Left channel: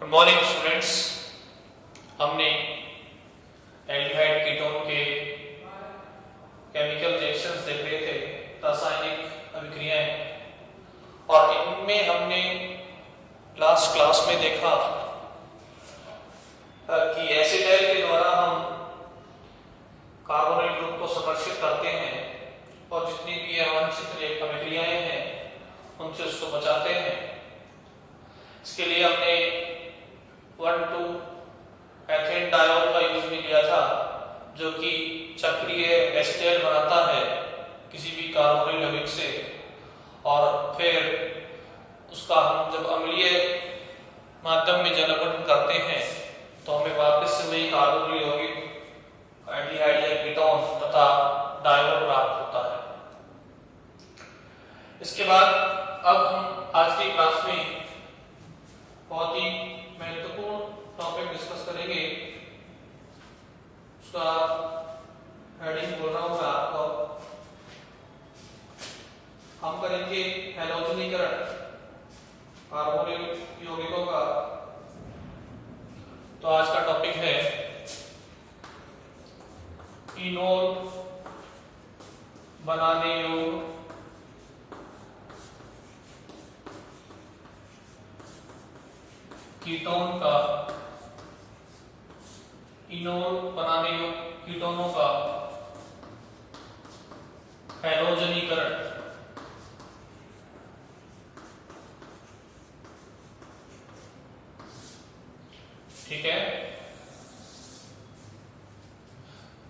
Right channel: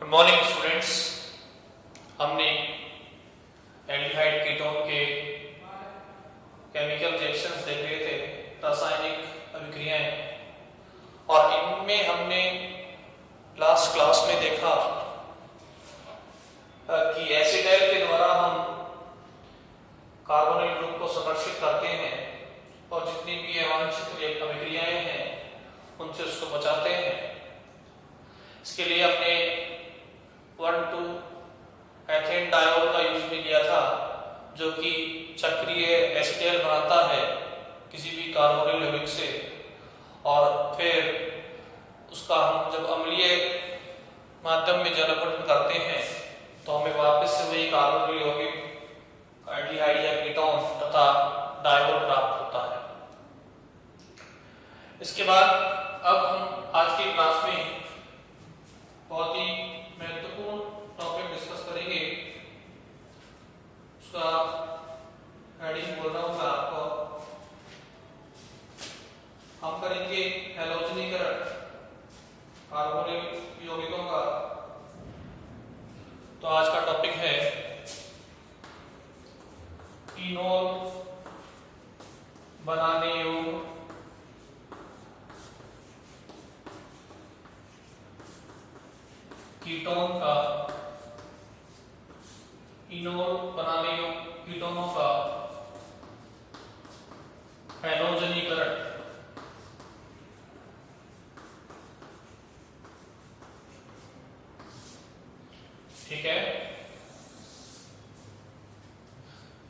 Good morning students. हमने aldehyde ketone के chemical reactions देख रहे थे, रासायनिक अभिक्रियाएं, और इनमें हमने लास्ट क्लास में देखा कि एसिटाइल के द्वारा हम कार्बोनिल ग्रुप को संरक्षित करते हैं और जितनी भी अवांछित अभिक्रियाएं हैं उनसे उसको बचाते हैं। इसके लिए हमने 1,2 एथेन डायोल का यूज भी किया था, जो कि चक्रीय एसिटाइल बनाता है किसी भी कार्बोनिल यौगिक से, और फिर उसका हम जब अम्लीय माध्यम में जल अपघटन करते हैं तो हमें वापस से वही कार्बोनिल यौगिक एल्डिहाइड या कीटोन तथा डायोल प्राप्त होता है। इसके बाद अब हम आज की क्लास में बहुत ही महत्वपूर्ण टॉपिक डिस्कस करेंगे। उसका हेडिंग बोल रहा हूं मैं आपको। हम करेंगे हैलोजनीकरण कार्बोनिल यौगिकों का। तो आज का टॉपिक है फिनोल बनाने योग्य कीटोन का, इनोल बनाने योग्य कीटोनों का हैलोजनीकरण। ठीक है,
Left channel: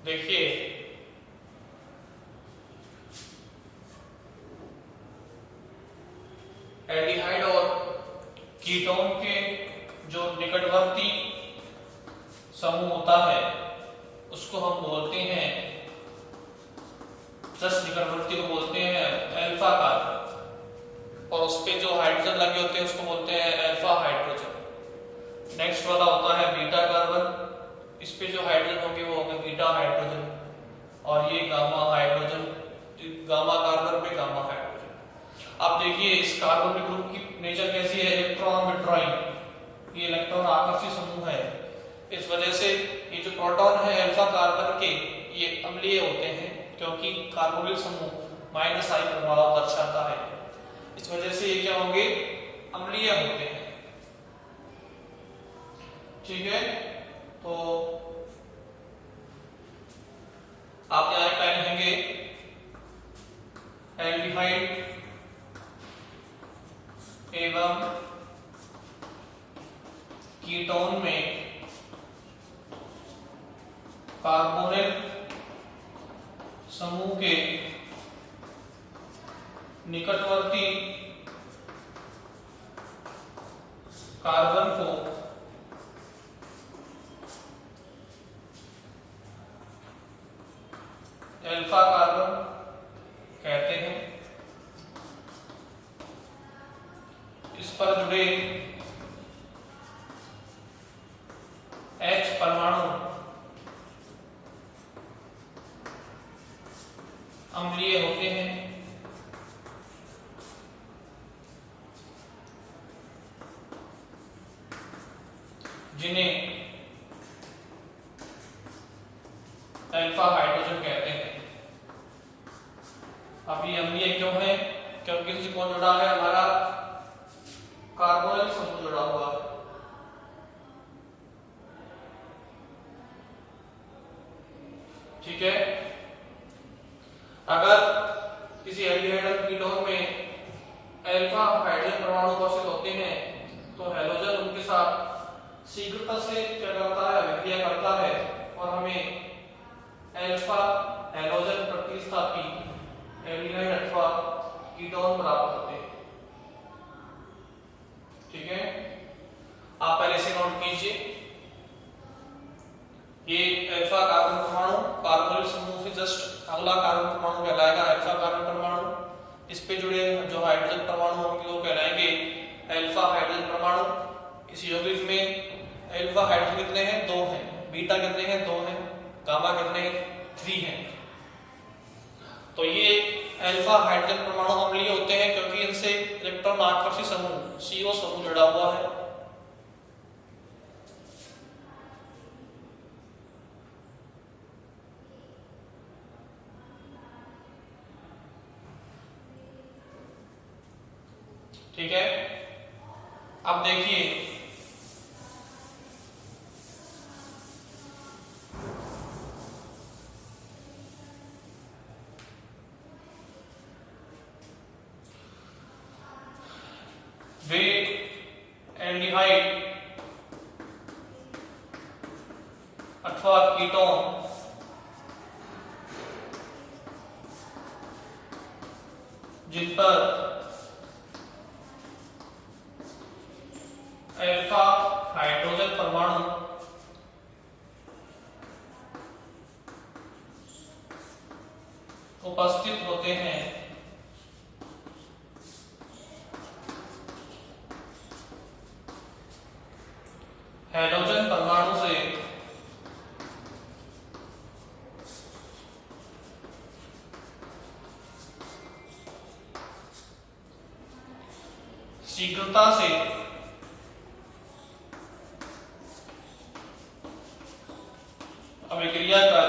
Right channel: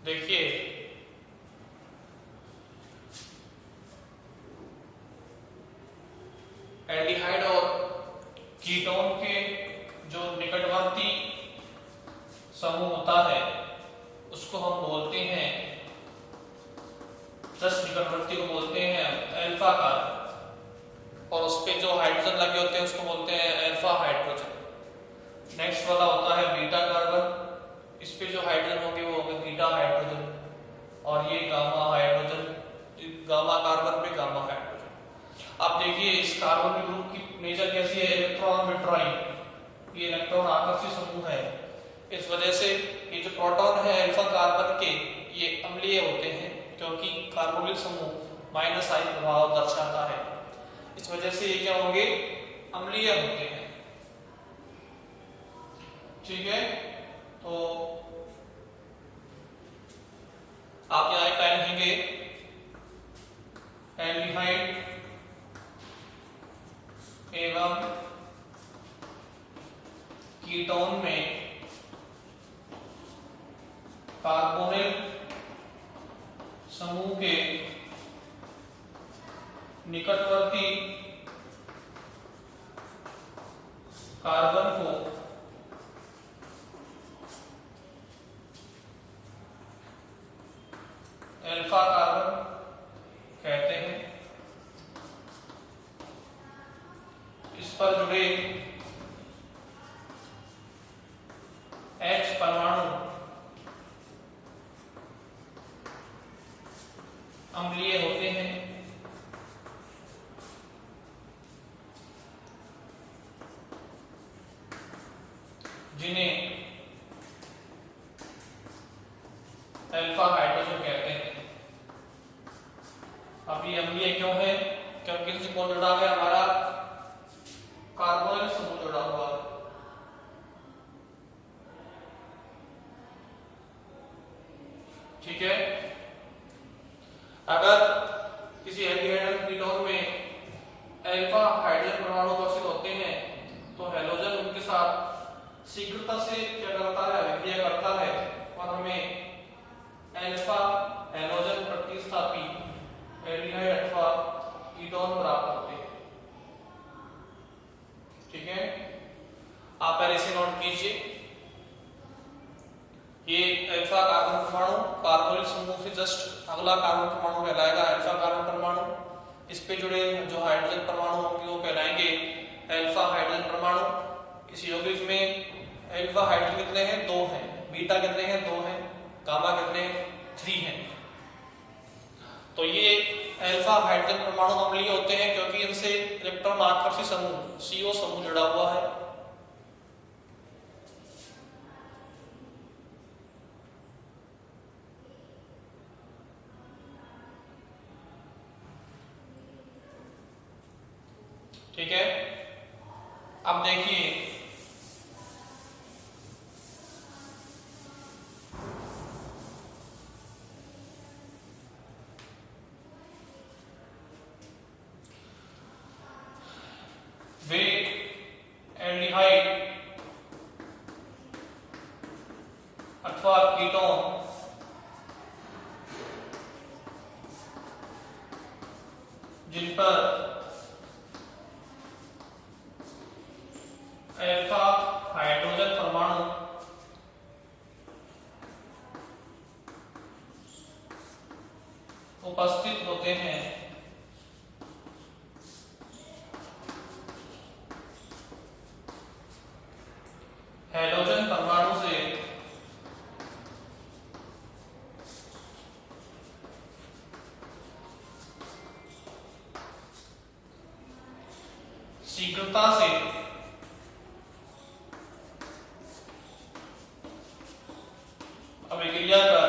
देखिए एल्डिहाइड और कीटोन के जो निकटवर्ती समूह होता है उसको हम बोलते हैं, जस्ट निकटवर्ती को बोलते हैं अल्फा कार्बन, और उस पे जो हाइड्रोजन लगे होते हैं उसको बोलते हैं अल्फा हाइड्रोजन। नेक्स्ट वाला होता है बीटा कार्बन, इस पे जो हाइड्रोजन होंगे वो होंगे बीटा हाइड्रोजन, और ये गामा हाइड्रोजन, गामा कार्बन पे गामा हाइड्रोजन। अब देखिए इस कार्बोनिल ग्रुप की नेचर कैसी है, इलेक्ट्रॉन विड्रॉइंग, ये इलेक्ट्रॉन आकर्षी समूह है। इस वजह से ये जो प्रोटॉन है अल्फा कार्बन के, ये अम्लीय होते हैं क्योंकि कार्बोनिल समूह -I प्रभाव दर्शाता है। इस वजह से ये क्या होंगे, अम्लीय होते हैं। ठीक है, तो आप यहाँ क्या लिखेंगे, एल्डिहाइड एवं कीटोन में कार्बोनिल समूह के निकटवर्ती कार्बन को अल्फा कार्बन कहते हैं। इस पर जुड़े H परमाणु अम्लीय होते हैं, जिन्हें अल्फा हाइड्रोजन कहते हैं। अब ये अम्लीय क्यों है, क्योंकि इनसे कौन जुड़ा है, हमारा कार्बोनिल समूह जुड़ा हुआ है। ठीक है, अगर किसी एल्डिहाइड कीटोन में अल्फा हाइड्रोजन परमाणु उपस्थित होते हैं तो हैलोजन उनके साथ शीघ्रता से क्या करता है, अभिक्रिया करता है, और हमें अल्फा हैलोजन प्रतिस्थापी एल्डिहाइड अथवा कीटोन प्राप्त होते हैं। ठीक है, आप पहले से नोट कीजिए, ये अल्फा कार्बन परमाणु कार्बोनिल समूह से जस्ट अगला कार्बन परमाणु कहलाएगा अल्फा कार्बन परमाणु। इस पे जुड़े जो हाइड्रोजन परमाणु होंगे वो कहलाएंगे अल्फा हाइड्रोजन परमाणु। इस यौगिक में अल्फा हाइड्रोजन कितने हैं, 2 हैं, बीटा कितने हैं, 2 हैं, गामा कितने हैं, 3 हैं। तो ये अल्फा हाइड्रोजन परमाणु अम्लीय होते हैं क्योंकि इनसे इलेक्ट्रॉन आकर्षी समूह CO समूह जुड़ा हुआ है। ठीक है, अब देखिए वे एल्डिहाइड अथवा कीटोन जिन पर अल्फा हाइड्रोजन परमाणु उपस्थित होते हैं, हैलोजन परमाणु से शीघ्रता से अभिक्रिया कर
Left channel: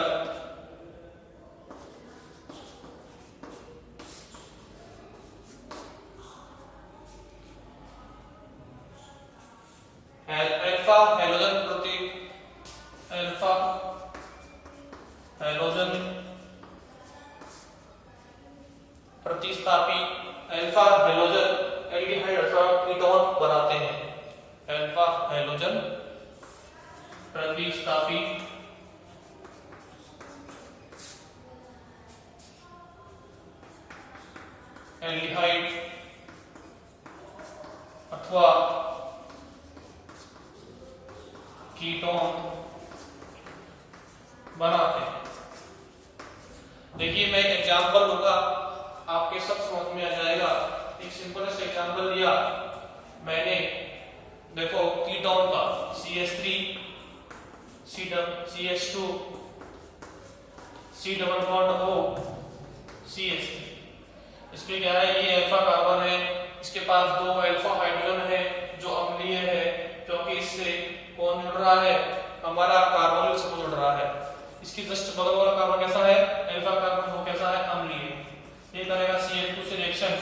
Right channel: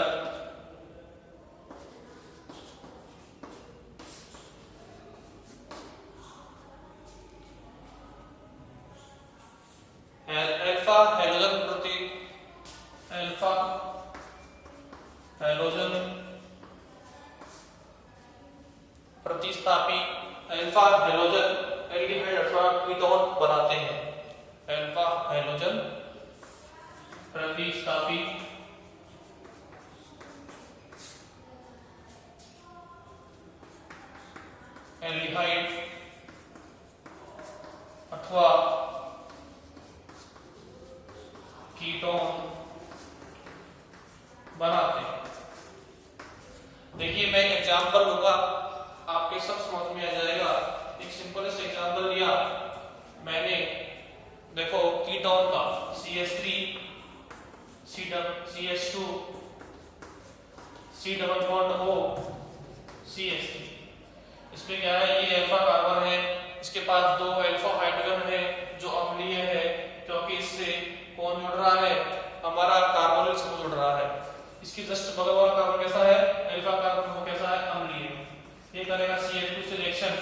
अल्फा हैलोजन प्रतिस्थापी अल्फा हैलोजन एल्डिहाइड अथवा कीटोन बनाते हैं। अल्फा हैलोजन प्रतिस्थापी एल्डिहाइड अथवा कीटोन बनाते हैं। देखिए मैं एक एग्जांपल लूंगा, आपके सब समझ में आ जाएगा। एक सिंपल सा एग्जांपल लिया मैंने, देखो कीटोन का CH3 CH2 C double bond O CH3, इसमें क्या है, ये अल्फा कार्बन है, इसके पास 2 अल्फा हाइड्रोजन है जो अम्लीय है, क्योंकि इससे कौन जुड़ रहा है, हमारा कार्बन से जुड़ रहा है। इसकी जस्ट बगल वाला कार्बन कैसा है, अल्फा कार्बन, वो कैसा है, अम्लीय। ये करेगा CH2 से रिएक्शन,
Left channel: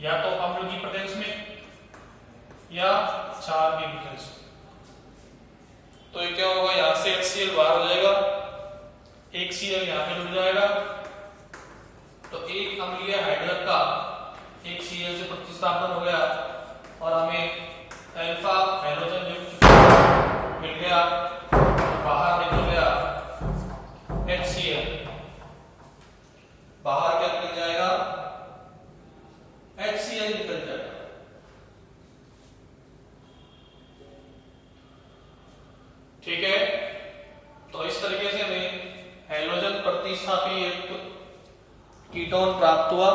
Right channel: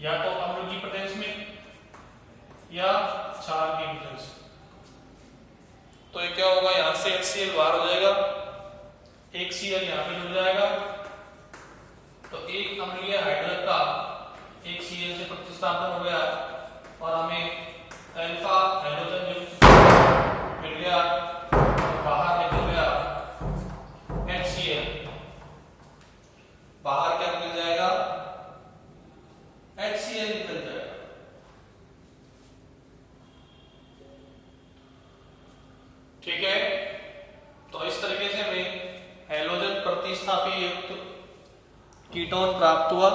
या तो अम्ल की प्रेजेंस में या क्षार की प्रेजेंस में। तो ये क्या होगा, यहां से HCl बाहर हो जाएगा, एक Cl यहां पे जुड़ जाएगा, तो एक अम्लीय हाइड्रोजन का एक Cl से प्रतिस्थापन हो गया और हमें अल्फा हाइड्रोजन युक्त मिल गया, बाहर निकल गया HCl, बाहर क्या निकल जाएगा, HCl निकल जाएगा। ठीक है, तो इस तरीके से हमें हैलोजन प्रतिस्थापी युक्त कीटोन प्राप्त हुआ।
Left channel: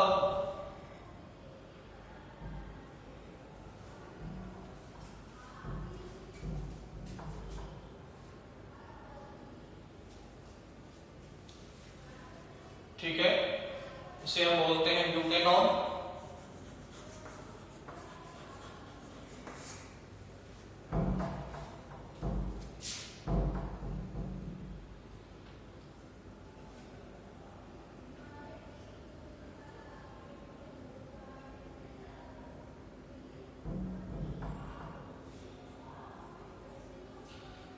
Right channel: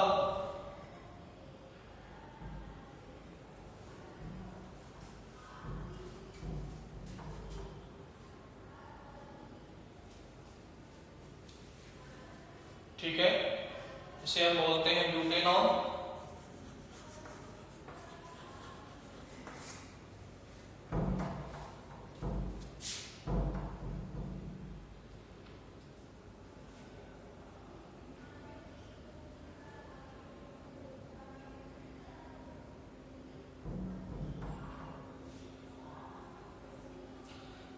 ठीक है, इसे हम बोलते हैं ब्यूटेनॉन।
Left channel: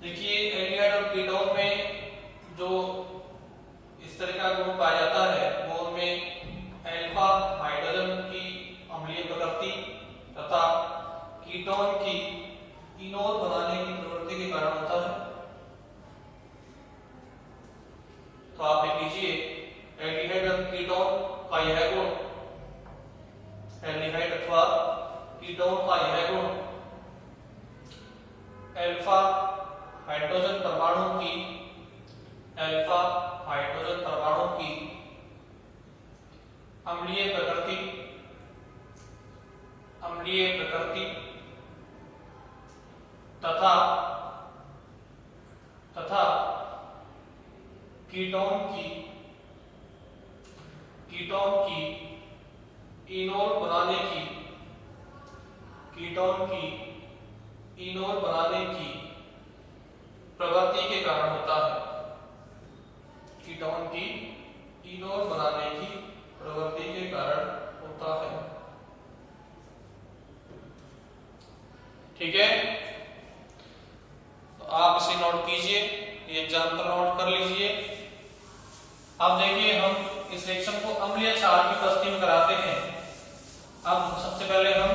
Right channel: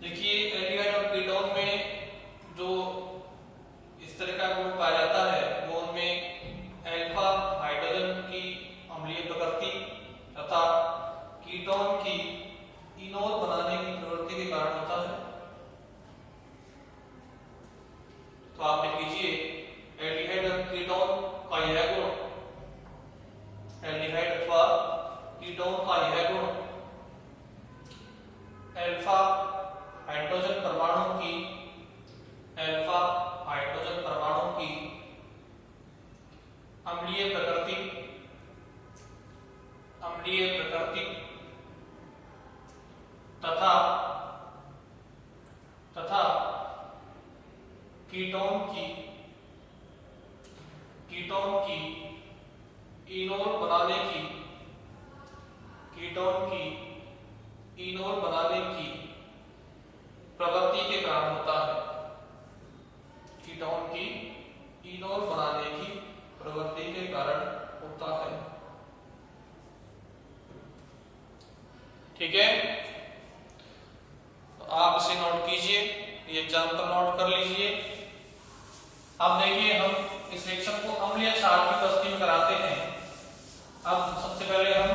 देखिए एल्डिहाइड और कीटोन में जो इस तरह का गुण पाया जाता है, वो उनमें अल्फा हाइड्रोजन की अम्लीय प्रकृति तथा कीटोन की इनोल बनाने की प्रवृत्ति के कारण होता है। तो आप लिख लीजिए एल्डिहाइड और कीटोन का यह गुण, एल्डिहाइड अथवा कीटोन का यह गुण अल्फा हाइड्रोजन परमाणु की अम्लीय प्रकृति तथा कीटोन की इनोल बनाने की प्रवृत्ति के कारण होता है। कीटोन की इनोल बनाने की प्रवृत्ति के कारण होता है। ठीक है, तो आप इसे नोट कीजिए, ये एग्जाम्पल नोट कर लीजिए। अब देखिए हम इस रिएक्शन को अम्लीय क्षार की उपस्थिति में कराते हैं। अब सबसे पहले हम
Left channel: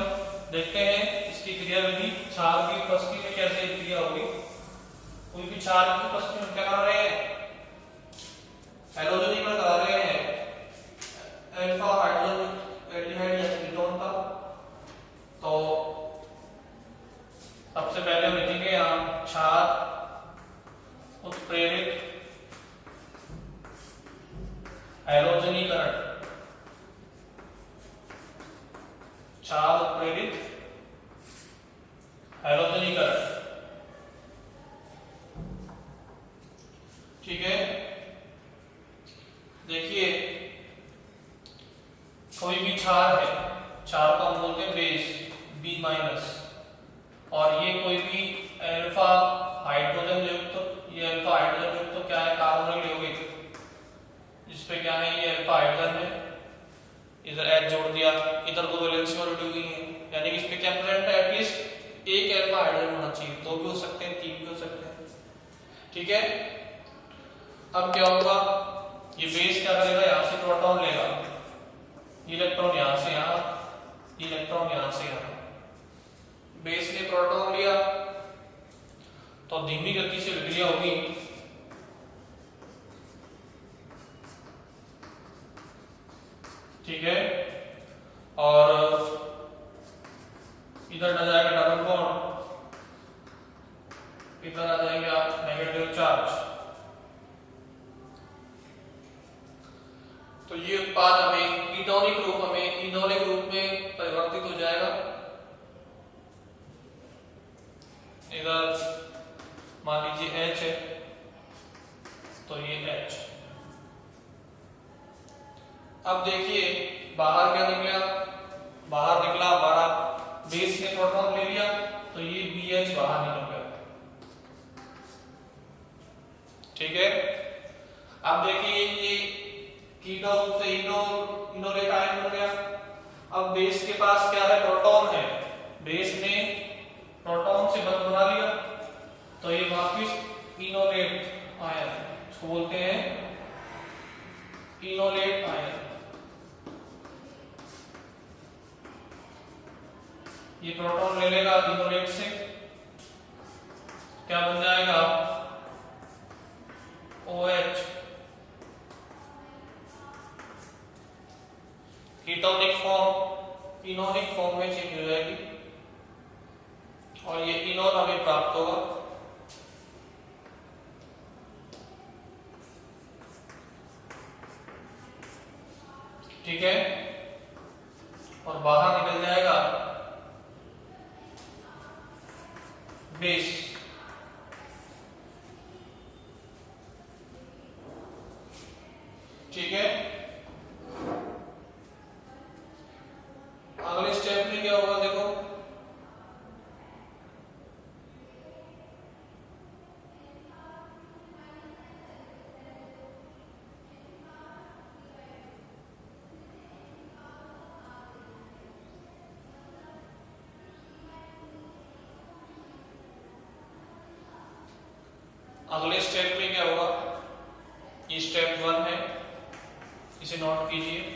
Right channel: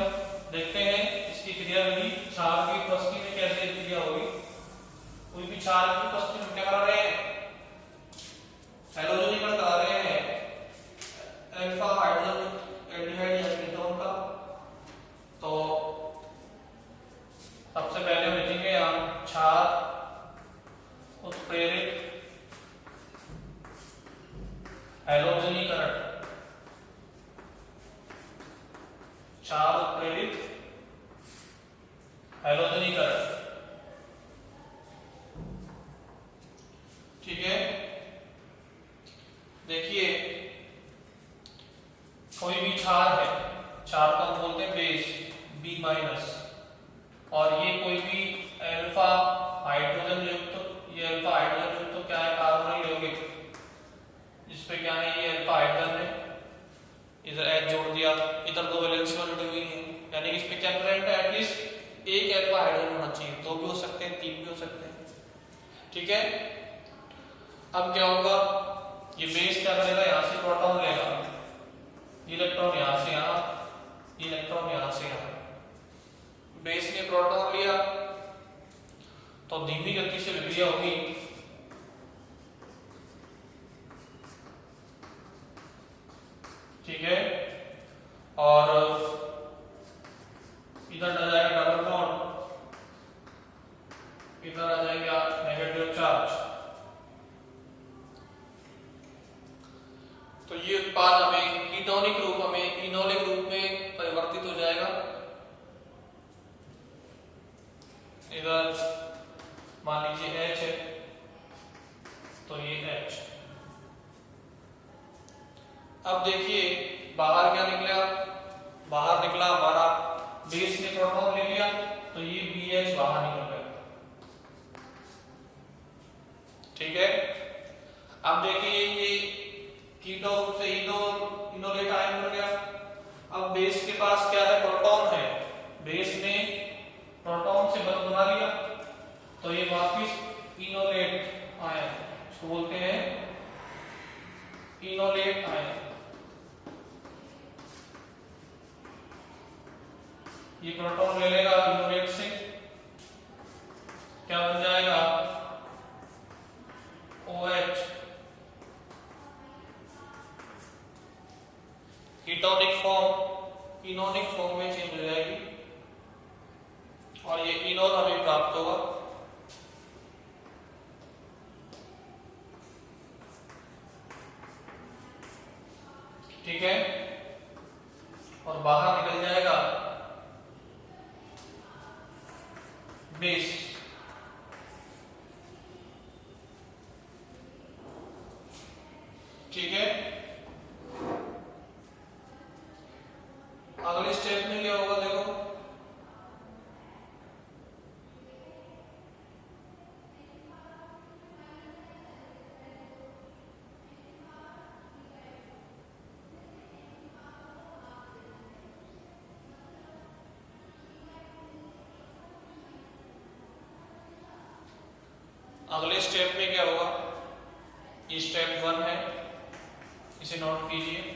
देखते हैं इसकी क्रियाविधि, क्षार की उपस्थिति में कैसे क्रिया होगी। कोई भी क्षार की उपस्थिति में क्या करा रहे हैं, हैलोजनीकरण करा रहे हैं अल्फा हाइड्रोजन एल्डिहाइड या कीटोन का। तो सबसे पहले लिखेंगे हम क्षार उत्प्रेरित हैलोजनीकरण, क्षार उत्प्रेरित हैलोजनीकरण। ठीक है, देखिए कोई भी क्षार है, क्षार को हम बोलते हैं बेस बी माइनस, और ये कोई भी अल्फा हाइड्रोजन युक्त, ये अल्फा हाइड्रोजन युक्त तो क्या है, कार्बोनिल यौगिक, जिसपे क्या है ये अल्फा हाइड्रोजन है, इधर H जोड़ दिया, इधर दो वैलेंसी वाली दी हुई है, यानी इस पे क्या प्रेजेंट है, एटलीस्ट एक अल्फा हाइड्रोजन होना चाहिए, दो भी हो सकते हैं, तीन भी हो सकते हैं। ठीक है, अब क्या होगा, ये बेस क्या करेगा, यहां से प्रोटॉन लेगा, इलेक्ट्रॉन यहां से यहां, इलेक्ट्रॉन यहां से यहां, बेस ने प्रोटॉन लिया तो धीमी गति से विक्रिया होगी, ठीक है, और इधर आ जाएगा डबल बॉन्ड, इधर आ जाएगा नेगेटिव चार्ज। तो ये उत्पाद हमें कीटोनिक रूप, हमें इनोनिक रूप में परिवर्तित हो जाएगा। इधर मान लीजिए H है, तो ये H। अब देखिए बाहर क्या निकला, बाहर निकला हमारा बेस ने प्रोटॉन ले लिया, तो ये BH बाहर निकल गया। ठीक है, अब देखिए ये कीटोन से इनोलेट आयन बन गया। अब बेस के पास क्या है, प्रोटॉन है, बेस ने प्रोटॉन से बंध बना लिया, तो ये वापिस इनोलेट आयन, इसको बोलते हैं इनोलेट आयन। ये प्रोटॉन ले लेगा इनोलेट से, क्या बन जाएगा, OH, कीटोनिक फॉर्म इनोनिक फॉर्म में चेंज हो जाएगी, और ये इनोन हमें प्राप्त होगा। ठीक है, और बाहर निकल जाएगा बेस। ठीक है, अगले स्टेप में क्या होगा, देखो अगले स्टेप में क्या होगा, ये स्टेप 1 है, इसे नोट कीजिए।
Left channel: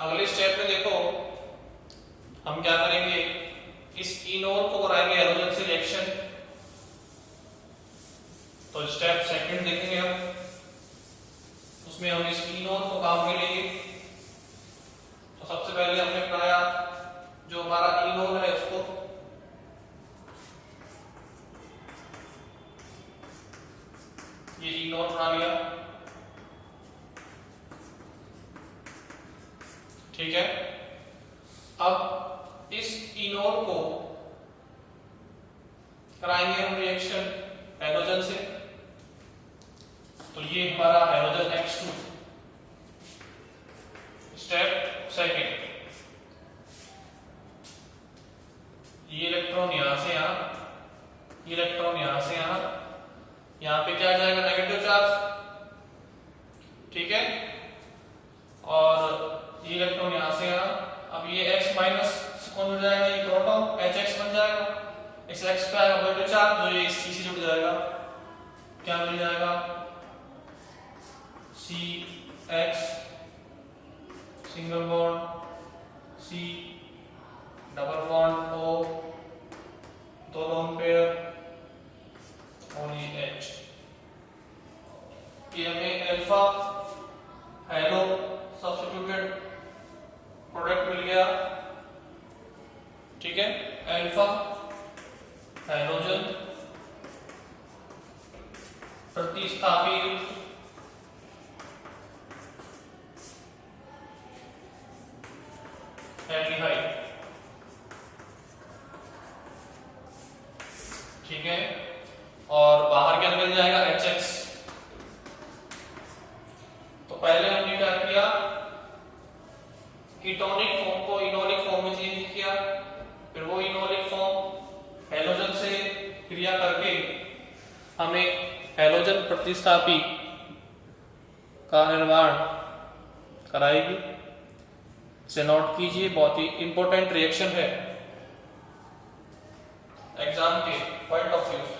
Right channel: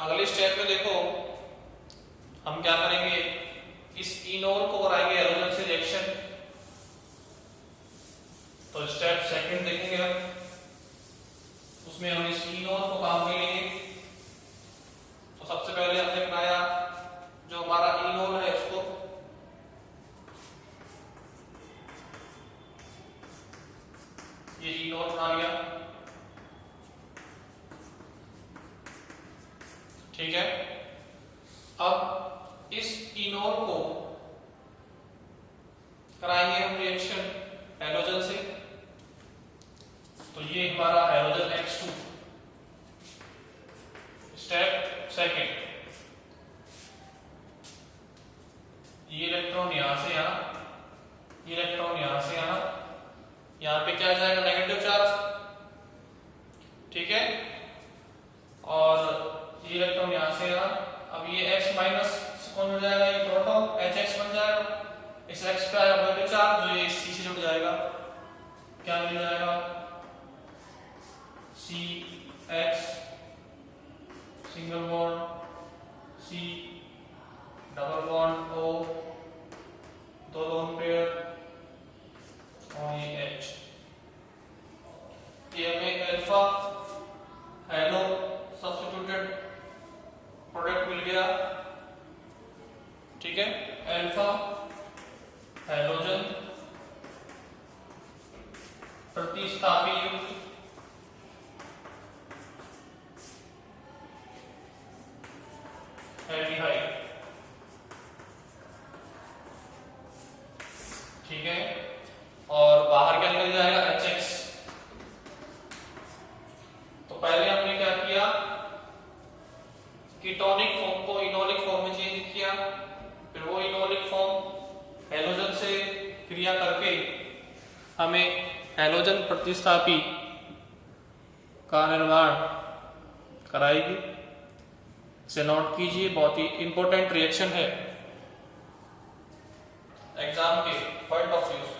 अगले स्टेप में देखो हम क्या करेंगे, इस इनोन को कराएंगे हैलोजन से रिएक्शन। तो स्टेप सेकंड देखेंगे हम, उसमें हम इस इनोन को काम में लेंगे। तो सबसे पहले हमने बनाया जो हमारा इनोन है, उसको ये इनोन बना लिया। ठीक है, अब इस इनोर को कराएंगे हम रिएक्शन हैलोजन से, तो ये हमारा हैलोजन X2। स्टेप सेकंड, ये इलेक्ट्रॉन यहां से यहां, इलेक्ट्रॉन यहां से यहां, यहां पे क्या आ जाएगा नेगेटिव चार्ज, ठीक है, और ये इलेक्ट्रॉन यहां से यहां, अब ये X माइनस से कौन जुड़ जाएगा, ये प्रोटॉन HX बन जाएगा, इस X पे आएगा पॉजिटिव चार्ज, जो ये C से जुड़ जाएगा, क्या मिल जाएगा CX single bond C double bond O, दो लोन पेयर और ये H, ये हमें अल्फा हेलो सब्स्टिट्यूटेड प्रोडक्ट मिल गया, ठीक है, अल्फा हैलोजन प्रतिस्थापी युक्त एल्डिहाइड, ठीक है, और बाहर क्या निकल जाएगा HX। तो पहले हमने क्या किया, कीटोनिक फॉर्म को इनोलिक फॉर्म में चेंज किया, फिर वो इनोलिक फॉर्म हैलोजन से क्रिया करके हमें हैलोजन प्रतिस्थापी का निर्माण कराएगी। इसे नोट कीजिए, बहुत ही इंपॉर्टेंट रिएक्शन है एग्जाम के पॉइंट ऑफ व्यू से।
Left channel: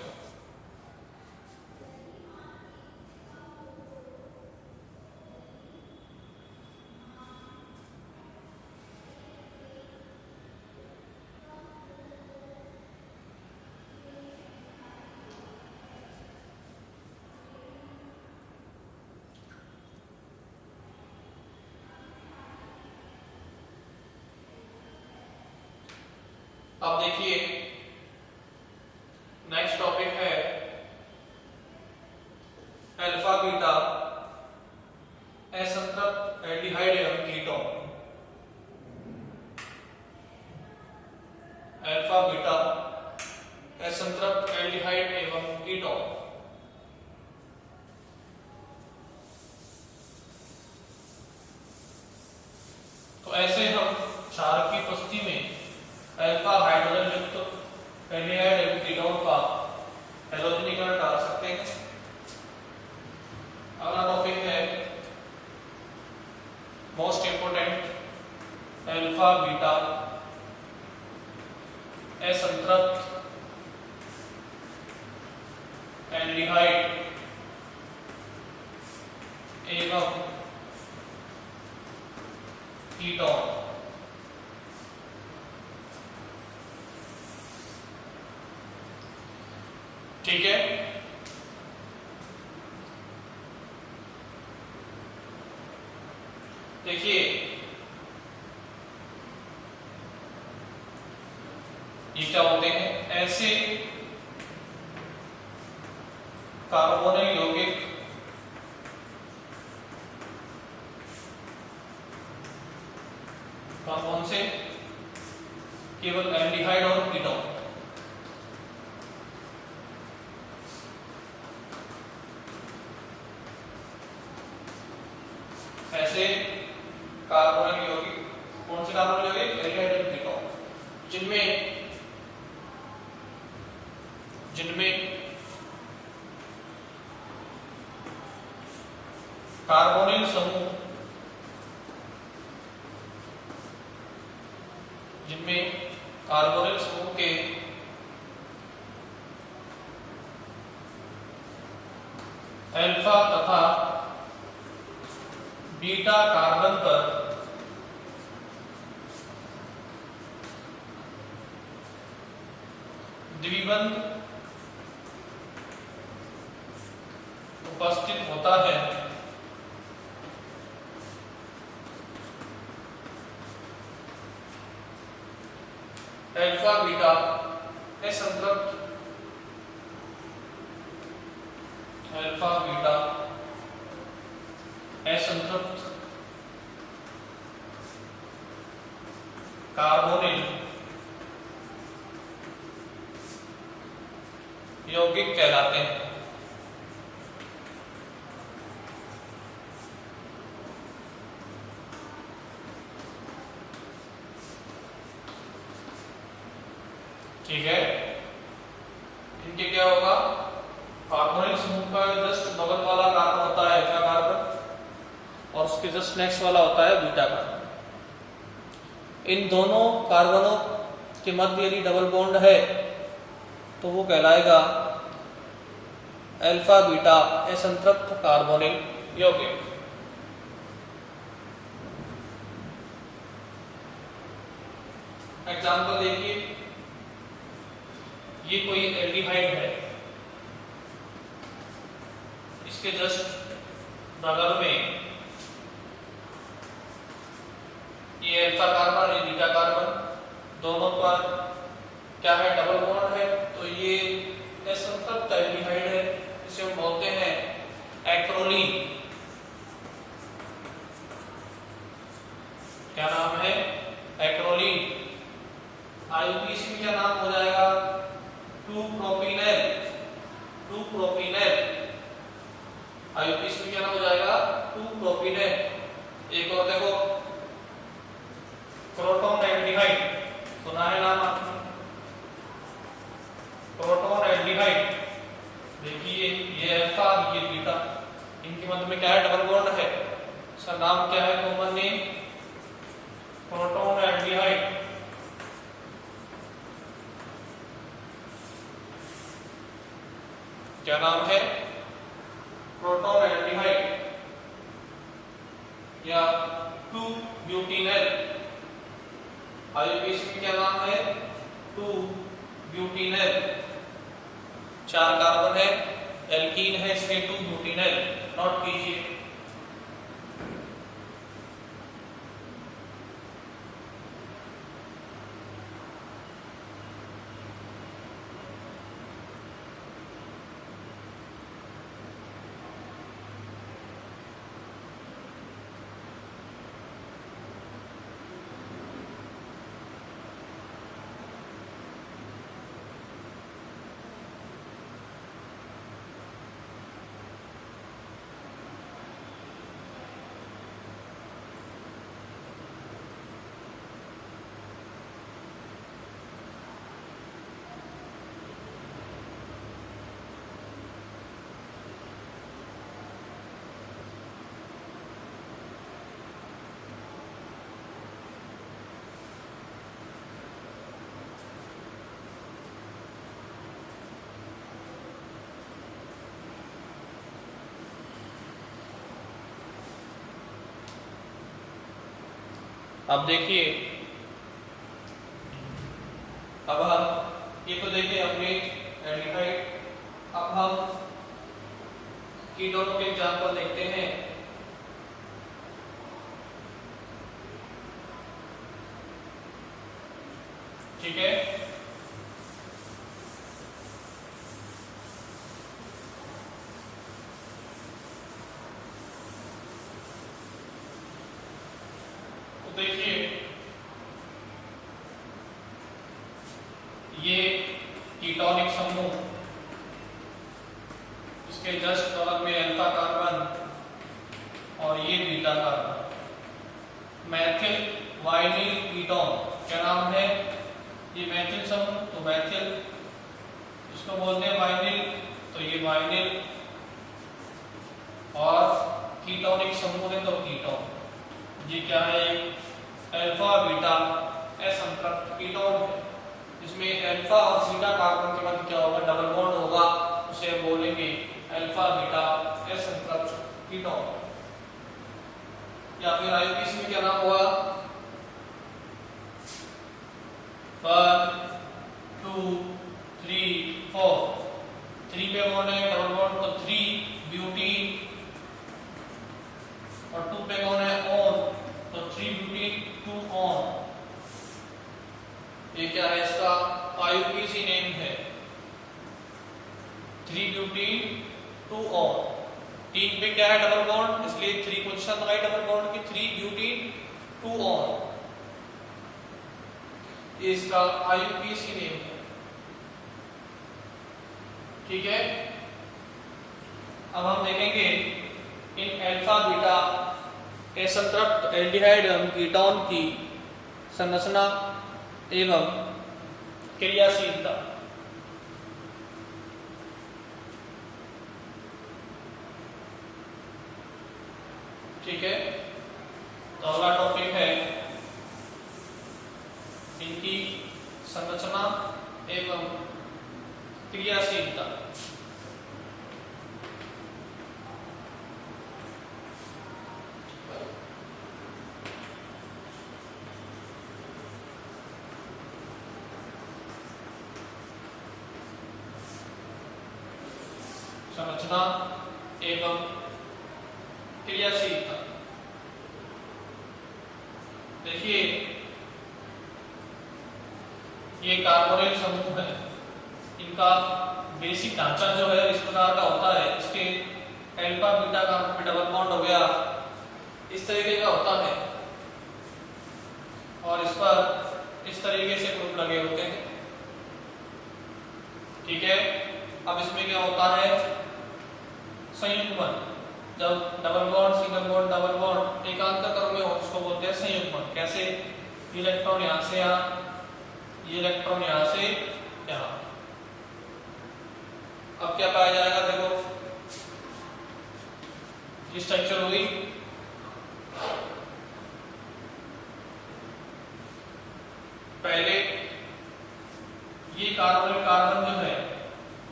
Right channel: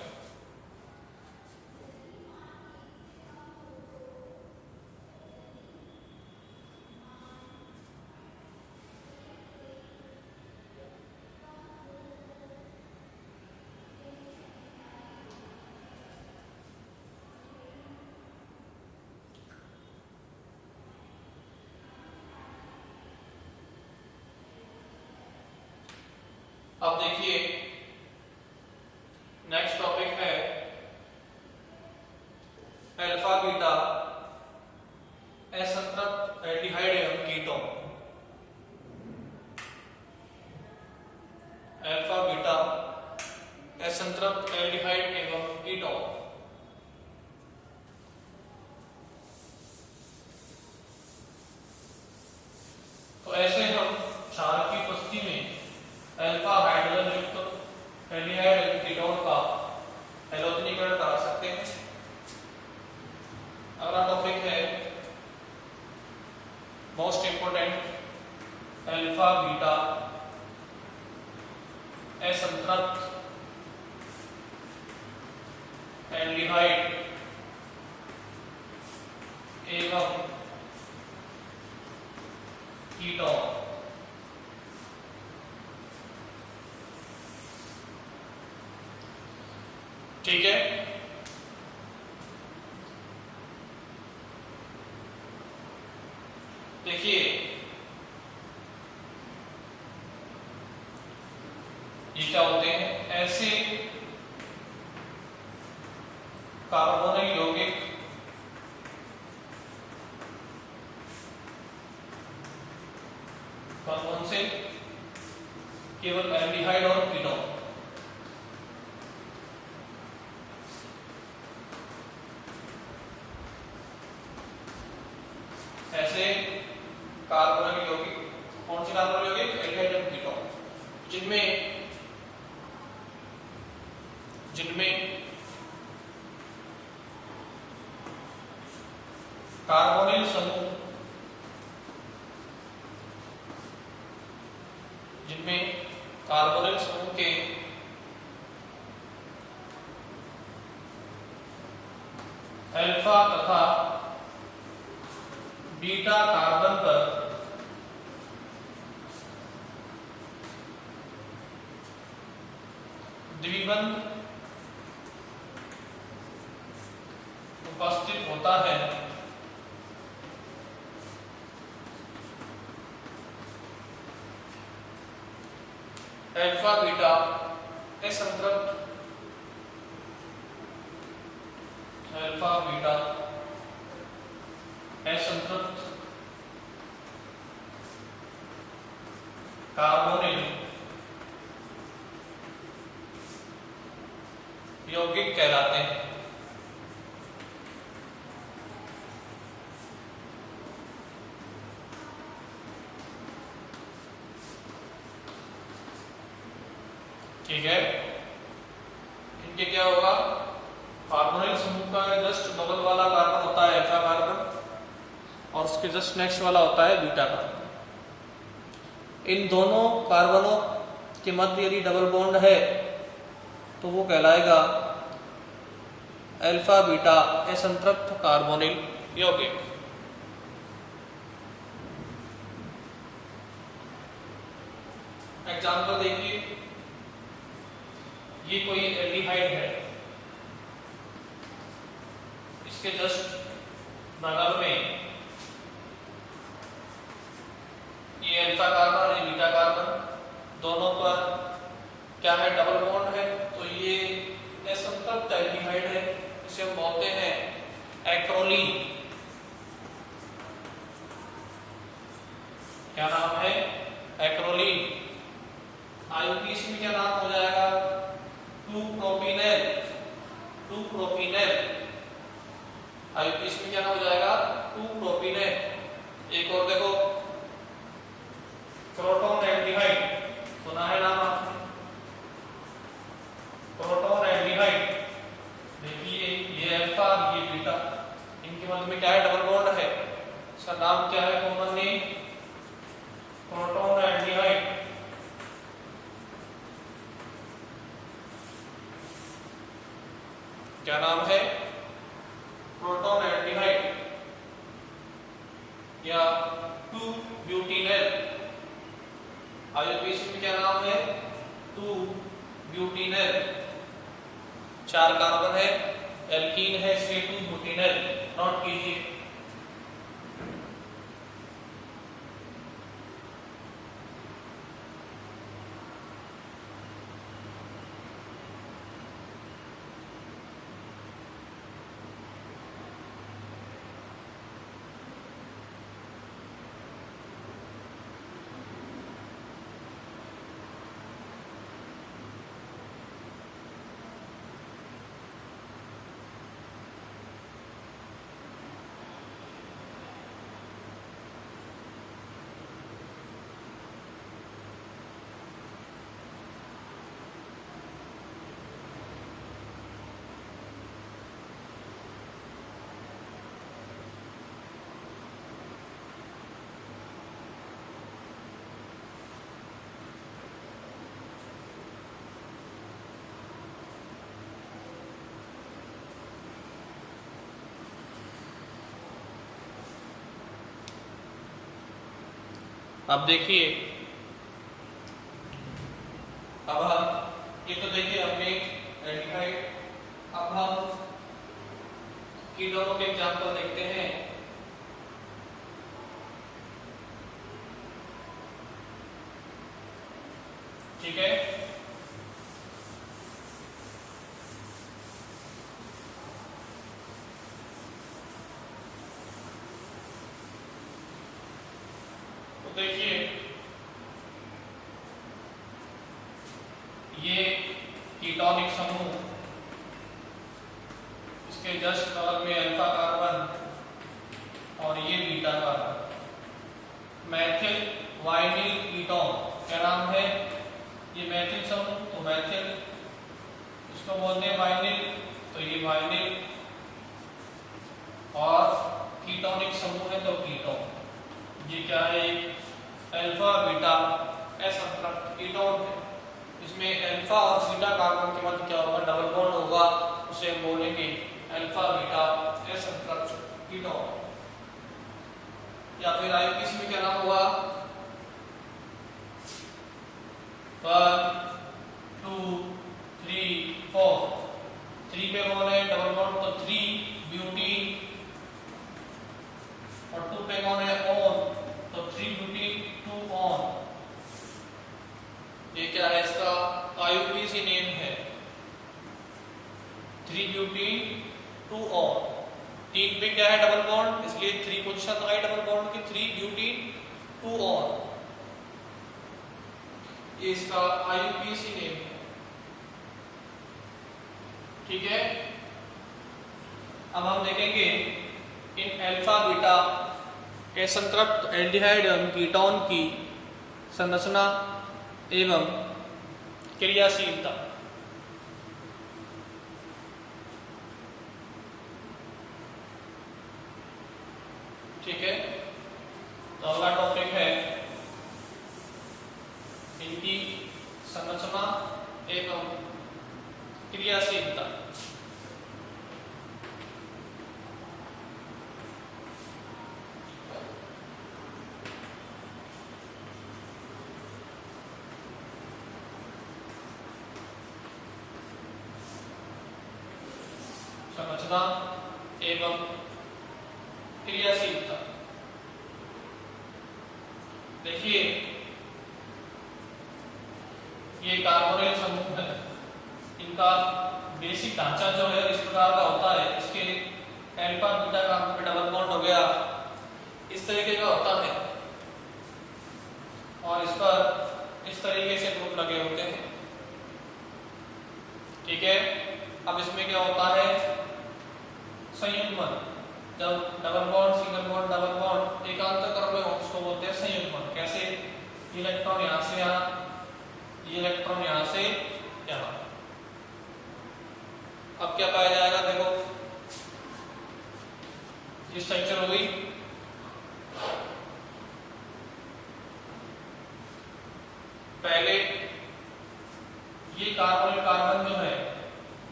अब देखिए नेक्स्ट टॉपिक है अल्फा बीटा असंतृप्त एल्डिहाइड एवं कीटोन। अल्फा बीटा असंतृप्त एल्डिहाइड एवं कीटोन। तो ऐसे हम क्षार की उपस्थिति में अल्फा हाइड्रोजन युक्त एल्डिहाइड एवं कीटोन का हैलोजनीकरण करा सकते हैं। अगला टॉपिक है मोस्ट इंपोर्टेंट अल्फा बीटा असंतृप्त एल्डिहाइड एवं कीटोन। ठीक है, देखिए ये क्या होते हैं, ऐसे कार्बोनिल यौगिक कौन से, केवल एल्डिहाइड और कीटोन। ऐसे कार्बोनिल यौगिक, कौन से कार्बोनिल यौगिक, एल्डिहाइड और कीटोन, जिनमें कार्बोनिल समूह, के अल्फा तथा बीटा कार्बन पर द्विबंध उपस्थित होता है, अल्फा बीटा असंतृप्त, अल्फा बीटा असंतृप्त कार्बोनिल यौगिक कहलाते हैं। ठीक है, इनके क्या होगा, कार्बोनिल समूह का जस्ट बगल वाला कार्बन होता है अल्फा कार्बन और उसके जस्ट नेक्स्ट वाला होता है बीटा कार्बन। इन दोनों कार्बनों के मध्य यदि डबल बॉन्ड है तो वो कहलाएगा अल्फा बीटा असंतृप्त कार्बोनिल यौगिक। एग्जाम्पल देखिए, ये कोई एल्डिहाइड है, इसके जस्ट बगल में ये अल्फा कार्बन, ये बीटा कार्बन, दोनों पर क्या है, डबल बॉन्ड है, तो ये असंतृप्त एल्डिहाइड है, इसे हम बोलते हैं एक्रोलीन। क्या नाम है, एक्रोलीन। आईयूपीएसी में क्या नाम हो जाएगा, 2-प्रोपीनेल। 2-प्रोपीनेल आईयूपीएसी में क्या नाम हो जाएगा, 2-प्रोपीनेल। एक और देखो, प्रोटॉन एल्डिहाइड, सुना है नाम आपने, प्रोटॉन एल्डिहाइड। देखिए ये अल्फा, ये बीटा, इनके मध्य में क्या है, डबल बॉन्ड है, इसका नाम क्या है, कॉमन नेम प्रोटॉन एल्डिहाइड। क्या नाम है, प्रोटॉन एल्डिहाइड या 2-ब्यूटीनेल। आईयूपीएसी में क्या नाम है, 2-ब्यूटीनेल। 4 कार्बन है, एल्कीन है, इसलिए 2-ब्यूटीनेल। नोट कीजिए। अब देखिए, अब हम ये तो देखिए हमने एल्डिहाइड, अब हम कीटोनों के एग्जाम्पल देखते हैं। ठीक है, तो देखिए ये कीटोनिक समूह, इसके जस्ट बगल में अल्फा कार्बन और ये beta carbon. Maithil vinyl ketone, क्या नाम है, ये मैथिल समूह, तो मैथिल इसको बोलते हैं वाइनिल, तो ये वाइनिल। और कीटोनिक समूह है तो कीटोन। ये क्या है, अल्फा बीटा असंतृप्त कीटोन है। इसमें अल्फा और बीटा कार्बन के मध्य क्या होगा, डबल बॉन्ड होगा, उसे हम बोलेंगे अल्फा बीटा असंतृप्त कीटोन। या फिर आईयूपीएसी में क्या नाम हुआ, 1 2 3 4। 3 पे कौन है, डबल बॉन्ड, तो 3 ब्यूटीन, और 2 पे कौन है, ऑन, तो 3 ब्यूटीन 2 ऑन। ये क्या है, इसका आईयूपीएसी नेम है, 3 ब्यूटीन 2 ऑन। 3 पे क्या है, डबल बॉन्ड, इसलिए 3 पोजीशन लगाई डबल बॉन्ड की, 3 ब्यूटीन 2 ऑन। ये इसका आईयूपीएसी नेम है। ठीक है, अब हम देखेंगे इन अल्फा बीटा असंतृप्त एल्डिहाइड एवं कीटोन की संरचना एवं क्रियाशीलता। ठीक है, तो अगला टॉपिक है इनकी संरचना एवं क्रियाशीलता। संरचना एवं क्रियाशीलता। देखिए, ये कार्बोनिल समूह है, इनका बेसिक ढांचा जो है इस प्रकार का होता है। इसके अल्फा बीटा का डबल बॉन्ड हो गया, इस तरीके का होता है, और इस पर इस तरीके से ग्रुप लगे होते हैं। ठीक है, अब इसमें क्या होता है, संयुग्मन। जब double bond, single bond, double bond एकांतर क्रम में हो उसको बोलते हैं संयुग्मन। कैसे, इलेक्ट्रॉन यहां से यहां, इलेक्ट्रॉन यहां से यहां। अब क्या कहा जाएगा, देखो ये स्ट्रक्चर होगी, पहले ये कार्बन कार्बन जो है,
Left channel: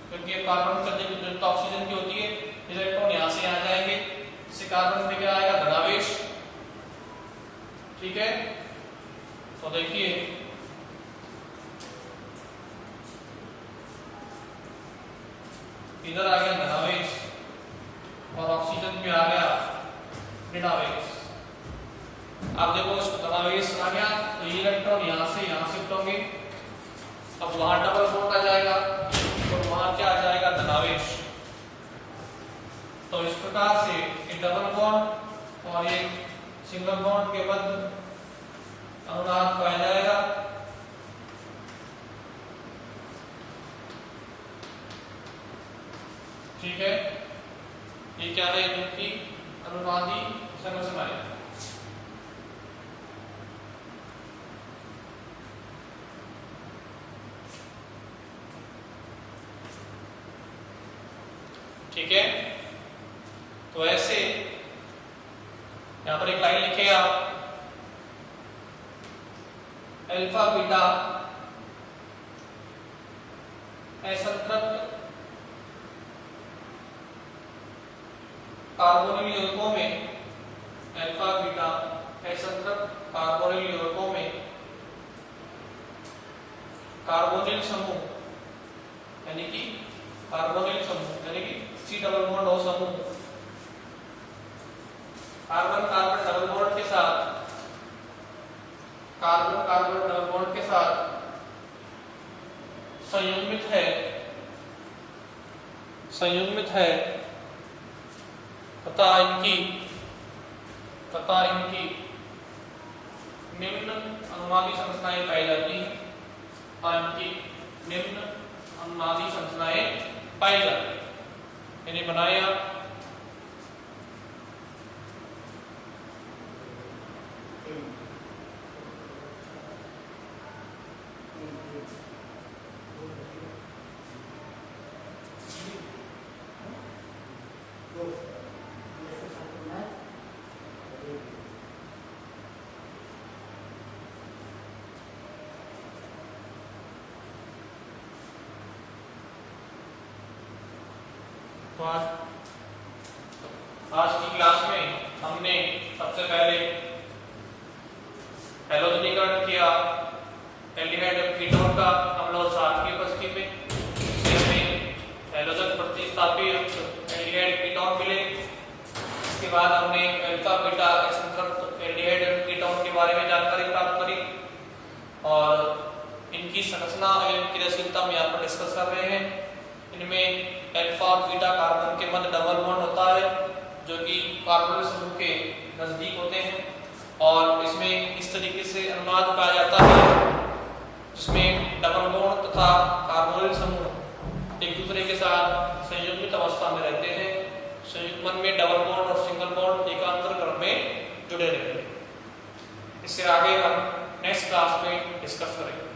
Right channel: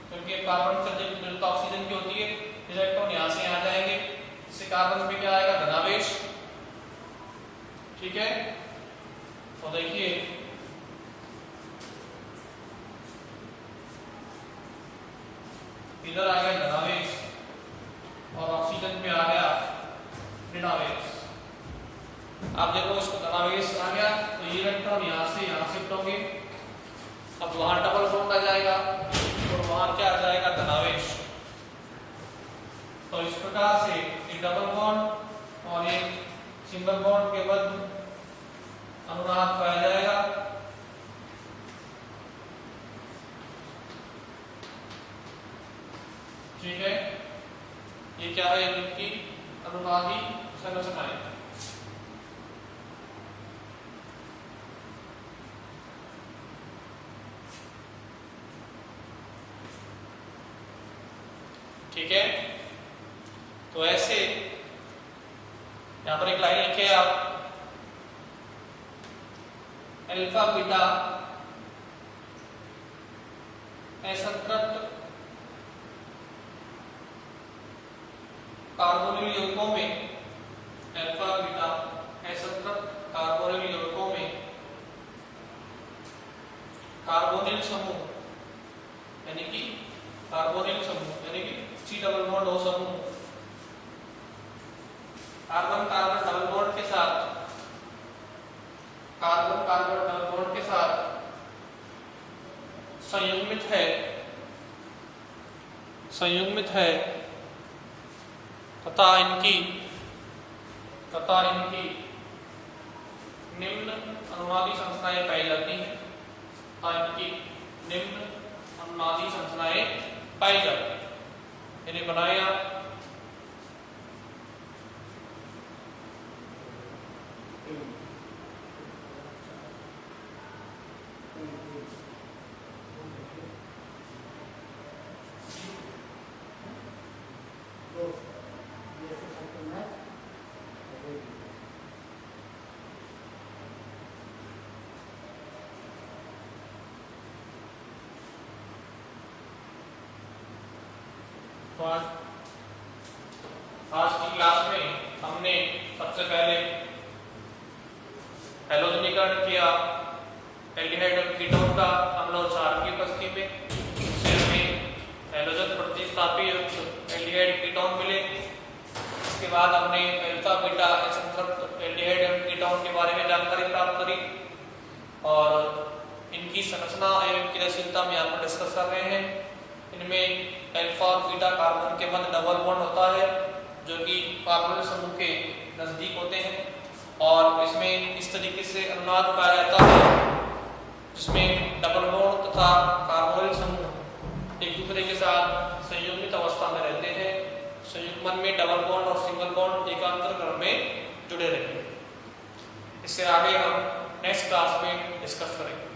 क्योंकि ये कार्बन से जरूरत ऑक्सीजन की होती है, इलेक्ट्रॉन यहां से यहां जाएंगे, इससे कार्बन पे क्या आएगा, धनावेश। ठीक है, तो देखिए इधर आ गया धनावेश और ऑक्सीजन पे आ गया ऋणावेश। अब देखो इसको धनावेश आ गया तो ये इलेक्ट्रॉन यहां से यहां शिफ्ट होंगे, अब वहां डबल बॉन्ड आ जाएगा तो वहां क्या आ जाएगा, धनावेश। तो इस प्रकार से एक डबल बॉन्ड और एक सिंगल बॉन्ड के मध्य अनुनाद पाया जाएगा। ठीक है, ये क्या है, इनकी अनुनादी संरचनाएं। ठीक है, तो ऐसे यहां पर एक लाइन लिखे आप, अल्फा बीटा असंतृप्त कार्बोनिल यौगिकों में, अल्फा बीटा असंतृप्त कार्बोनिल यौगिकों में कार्बोनिल समूह यानी कि कार्बोनिल समूह यानी कि C डबल बॉन्ड O समूह कार्बन कार्बन डबल बॉन्ड के साथ, कार्बन कार्बन डबल बॉन्ड के साथ संयुग्मित है तथा इनकी निम्न अनुनादी संरचनाएं पाई जाती हैं, इनकी निम्न अनुनादी संरचनाएं पाई जाती हैं। मैंने बनाया तो आज की क्लास में हमने सबसे पहले हैलोजनीकरण किया एल्डिहाइड और कीटोन का अम्ल और क्षार की उपस्थिति में, इससे हमें हैलोजन प्रतिस्थापित एल्डिहाइड कीटोन मिले। इसके बाद हमने अल्फा बीटा असंतृप्त एल्डिहाइड और कीटोन के बारे में जानकारी प्राप्त करी और इनकी संरचना एवं क्रियाशीलता में यहाँ पर डिस्कस कर रहे हैं। इनमें अल्फा और बीटा कार्बन के मध्य डबल बॉन्ड होता है जो कि कार्बोनिल समूह के नजदीक होते हैं और इसमें इस तरीके से अनुनाद पाया जाता है जिसमें डबल बॉन्ड तथा कार्बोनिल समूह एक दूसरे के साथ संयुग्मित अवस्था में रहते हैं, संयुग्मन में डबल बॉन्ड और सिंगल बॉन्ड एकांतर क्रम में जुड़े रहते हैं। इससे आगे हम नेक्स्ट क्लास में डिस्कस करेंगे।